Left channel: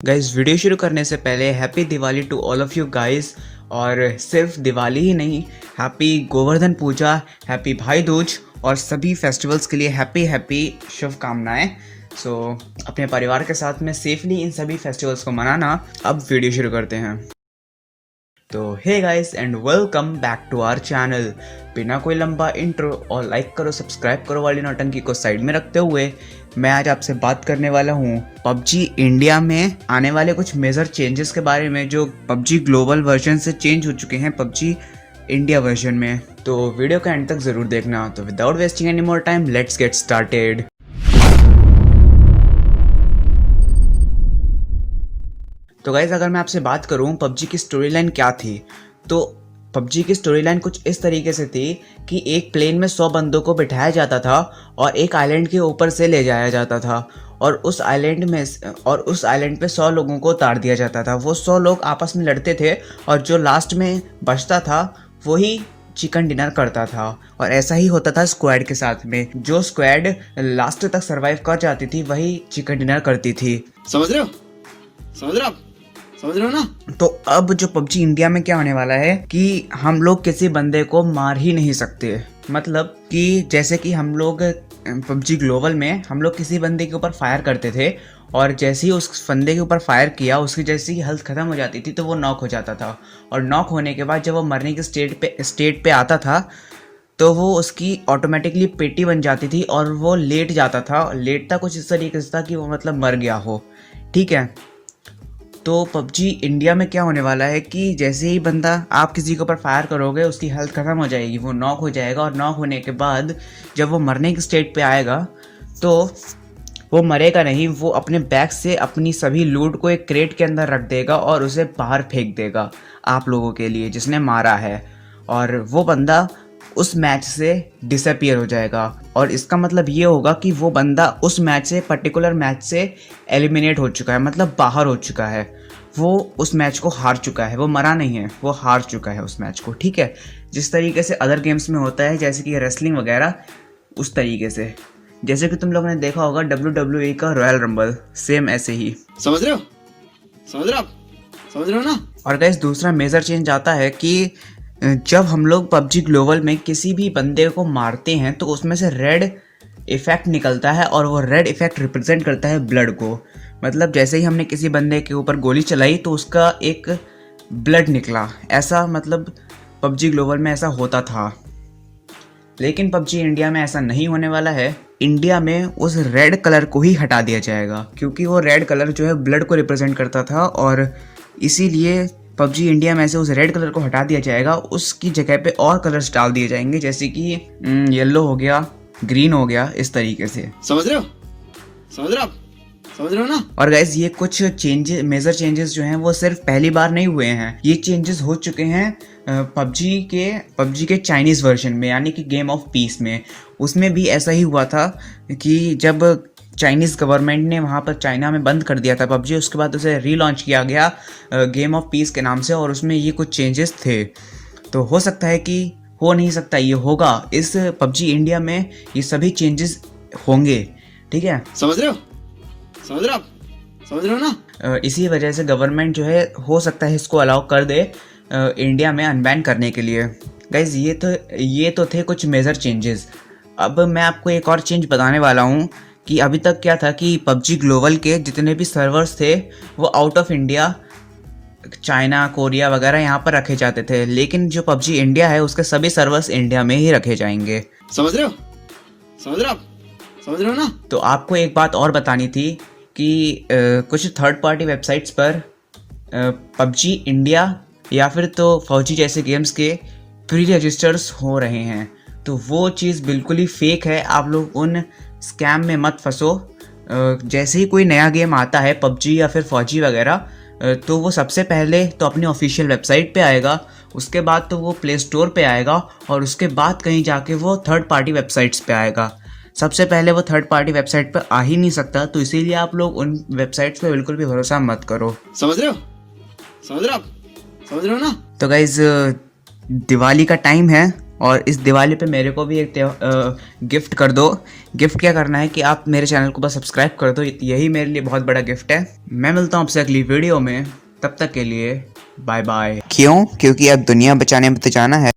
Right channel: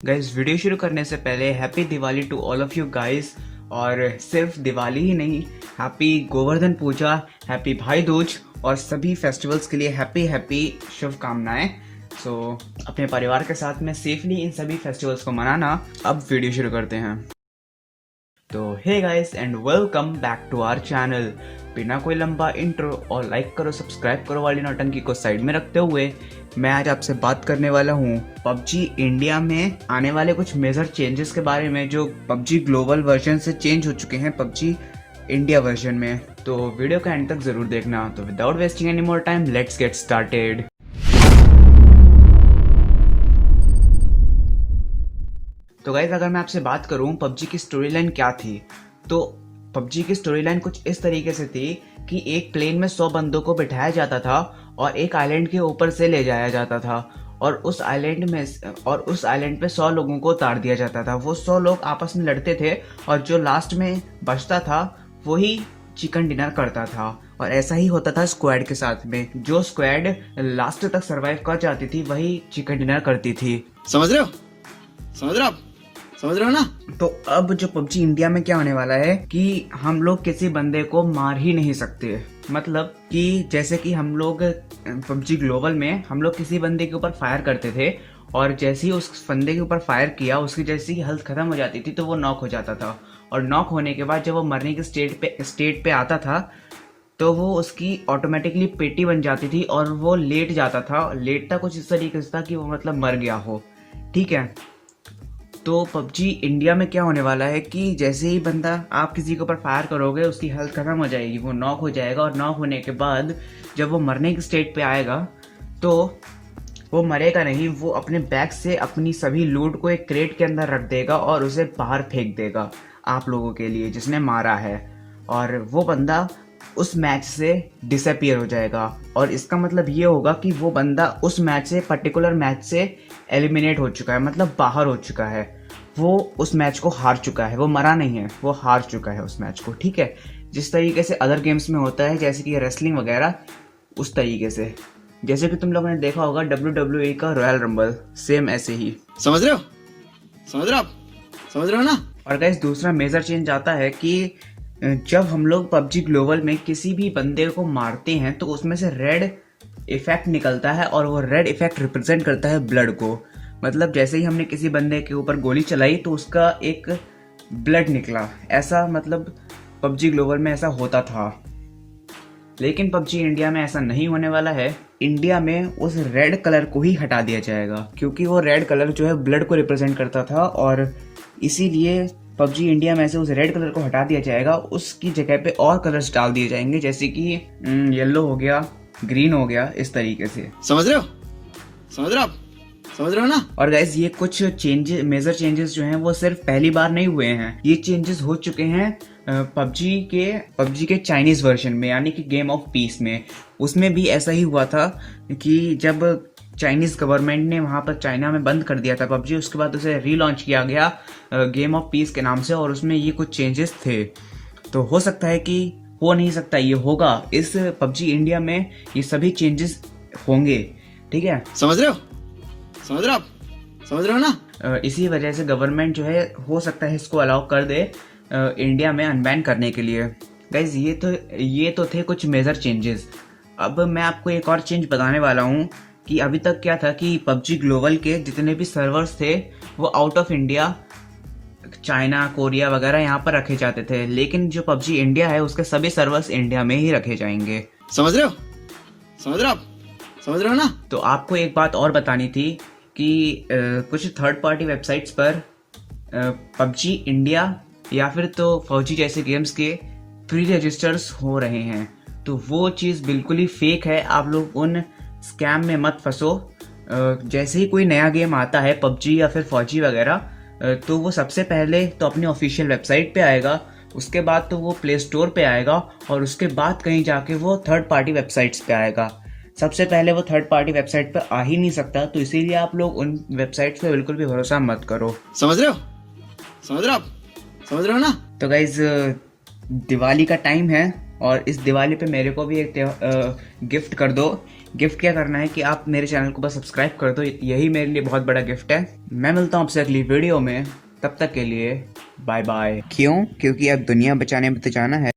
Guys video शुरू करने से पहले happy Diwali to all of you guys. और सिर्फ दिवाली ही नहीं, हैप्पी गोवर्धन पूजा, हैप्पी भाई दूज और सभी फेस्टिवल्स के लिए हैप्पी हैप्पी शुभकामनाएं। सो अपने परिवार के साथ में सेफली इन सभी फेस्टिवल्स को मनाना। अब वीडियो शुरू करते हैं। तो hey guys and welcome back to our channel. बिना कोई लंबा इंट्रो और लाइक करो सब्सक्राइब करो वाली नौटंकी को साइड में रखते हुए मैं आज आपसे बात करने वाला हूँ पबजी इंडिया में आने वाले कुछ मेजर चेंजेस के बारे में, जो पबजी ग्लोबल वर्जन से चेंज हो चुके हैं पबजी इंडिया वर्जन में। तो वीडियो का एंड तक जरूर देखना। तो without wasting any more time let's get started. तो गाइज अगर मैं आपसे बात करूं पबजी की स्टोरी लाइन क्या थी, तो पबजी की स्टोरी लाइन कुछ इस तरीके से थी कि एक प्लेन में 100 बंदों को बिठाया जाता था और एक आइलैंड के ऊपर से ले जाया जाता था और उस आइलैंड पे 100 लोगों को उतार दिया जाता था। वो 100 लोग आपस में लड़ते थे और जो लास्ट में बचता था वही चिकन डिनर करता था। और ऐसा ही होता था स्क्वाड के साथ में, जो स्क्वाड लास्ट तक सरवाइव कर जाती थी वही चिकन डिनर करती थी। समझ रहे हो समझ रहे हो ना। तो अब जो पबजी इंडिया में क्या होने वाला है कि हम लोग किसी बंदे को मार ही नहीं सकते। मतलब कि जैसे कि हम लोग पबजी ग्लोबल में हम लोग किसी बंदे के ऊपर फायर करते थे और जैसे ही उस बंदे के ऊपर फायर किया उसकी जैसी ही हेल्थ खत्म हो जाती थी तो वो नॉक हो जाता था। और नॉक होने के बाद जब वो मरने की स्टेट पे आता था तो वो उसकी ऑटोमेटिकली पेटी बन जाती थी और वो लेट जाता था। लेटता कुछ इस तरीके से था कि वो मतलब मर गया हो। ठीक है, तो पबजी इंडिया में क्या होने वाला है कि जैसे ही बंदा आप किसी के ऊपर फायर करोगे उसकी हेल्थ खत्म हो जाएगी, वो नॉक हो जाएगा और नॉक होने के बाद जब वो मरने की स्टेट पे आएगा तो वो मरेगा नहीं, वो अपने बैग से अपनी सभी लूट को एक क्रेट के अंदर रख देगा और उसे बाहर फेंक देगा आप लोगों के लिए जिसने मारा है, और वो बंदा उस मैच से डिसअपीयर हो जाएगा। और इसका मतलब ये होगा कि वो बंदा उस पर्टिकुलर मैच से एलिमिनेट हो चुका है, मतलब बाहर हो चुका है, वो उस मैच को हार चुका है, वो मरा नहीं है, वो हार चुका है उस मैच को। ठीक है, जिस तरीके से अदर गेम्स में होता है जैसे कि रेसलिंग वगैरह, उस तरीके से जैसे कि तुम लोगों ने देखा होगा WWE का रॉयल रंबल, सेम ऐसे ही। समझ रहे हो ना। और गाइस दूसरा मेजर चेंज आता है कि जब हम लोग पबजी ग्लोबल में किसी भी बंदे को मारते हैं तो उसमें से रेड इफेक्ट निकलता है और वो रेड इफेक्ट रिप्रेजेंट करता है ब्लड को। मतलब जैसे ही हमने किसी बंदे के ऊपर गोली चलाई तो उसका एक ब्लड निकला, ऐसा मतलब पबजी ग्लोबल में ऐसा होता था। लेकिन पबजी इंडिया में ऐसा नहीं होने वाला है। इंडिया में उस रेड कलर को ही हटा दिया जाएगा क्योंकि वो रेड कलर जो है ब्लड को रिप्रेजेंट करता था और इसीलिए पबजी इंडिया में से उस रेड कलर को हटा दिया जाएगा। उसकी जगह पे और कलर्स डाल दिए जाएंगे जैसे कि येलो हो गया, ग्रीन हो गया, इस तरीके से। समझ रहे हो ना। और गाइज ये कुछ चेंजेस, मेजर चेंजेस जो हैं वो सिर्फ पहली बार नहीं हुए हैं, ये चेंजेस हो चुके हैं पबजी के चाइनीज वर्जन में, यानी कि गेम ऑफ पीस में। उसमें भी ऐसा ही हुआ था कि जब चाइनीज़ गवर्नमेंट ने वहाँ पर चाइना में बंद कर दिया था पबजी, उसके बाद उसे रीलॉन्च किया गया गेम ऑफ पीस के नाम से, और उसमें ये कुछ चेंजेस थे। तो हो सकता है कि हो नहीं सकता, ये होगा इस पबजी इंडिया में, ये सभी चेंजेस होंगे। ठीक है, समझ रहे हो ना। इसी वजह से गवर्नमेंट जो है हो सकता है इसको अलाउ कर दे इंडिया में अनबैन करने के लिए। गाइज ये तो थे कुछ मेजर चेंजेस। अब मैं आपको एक और चेंज बताने वाला हूँ कि अभी तक क्या था कि पबजी ग्लोबल के जितने भी सर्वर्स थे वो out of India, China, Korea वगैरह यहाँ पर रखे जाते थे, लेकिन जो पबजी इंडिया है उसके सभी सर्वर्स इंडिया में ही रखे जाएंगे। समझ रहे हो ना। तो आपको एक बात और बतानी थी कि कुछ थर्ड पार्टी वेबसाइट्स पर पबजी इंडिया या फिर तो फौजी जैसे गेम्स के प्री रजिस्टर्स हो रहे हैं, तो वो चीज़ बिल्कुल ही फेक है। आप लोग उन स्कैम में मत फंसो। जैसे ही कोई नया गेम आता है पबजी या फिर फौजी वगैरह, तो वो सबसे पहले तो अपनी ऑफिशियल वेबसाइट पे आएगा, उसके बाद तो वो प्ले स्टोर पे आएगा और उसके बाद कहीं जाके वो थर्ड पार्टी वेबसाइट्स पे आएगा। सबसे पहले वो थर्ड पार्टी वेबसाइट पर आ ही नहीं सकता, तो इसीलिए आप लोग उन वेबसाइट्स पे बिल्कुल भी भरोसा मत करो। समझ रहे हो ना। तो गाइज दिवाली का टाइम है और इस दिवाली पे मेरे को भी एक गिफ्ट कर दो। गिफ्ट क्या करना है कि आप मेरे चैनल को बस सब्सक्राइब कर दो, यही मेरे लिए बहुत बड़ा गिफ्ट है। मैं मिलता हूँ आपसे अगली वीडियो में, तब तक के लिए बाय बाय। क्यों? क्योंकि अब दुनिया बचाने में तो जाना है।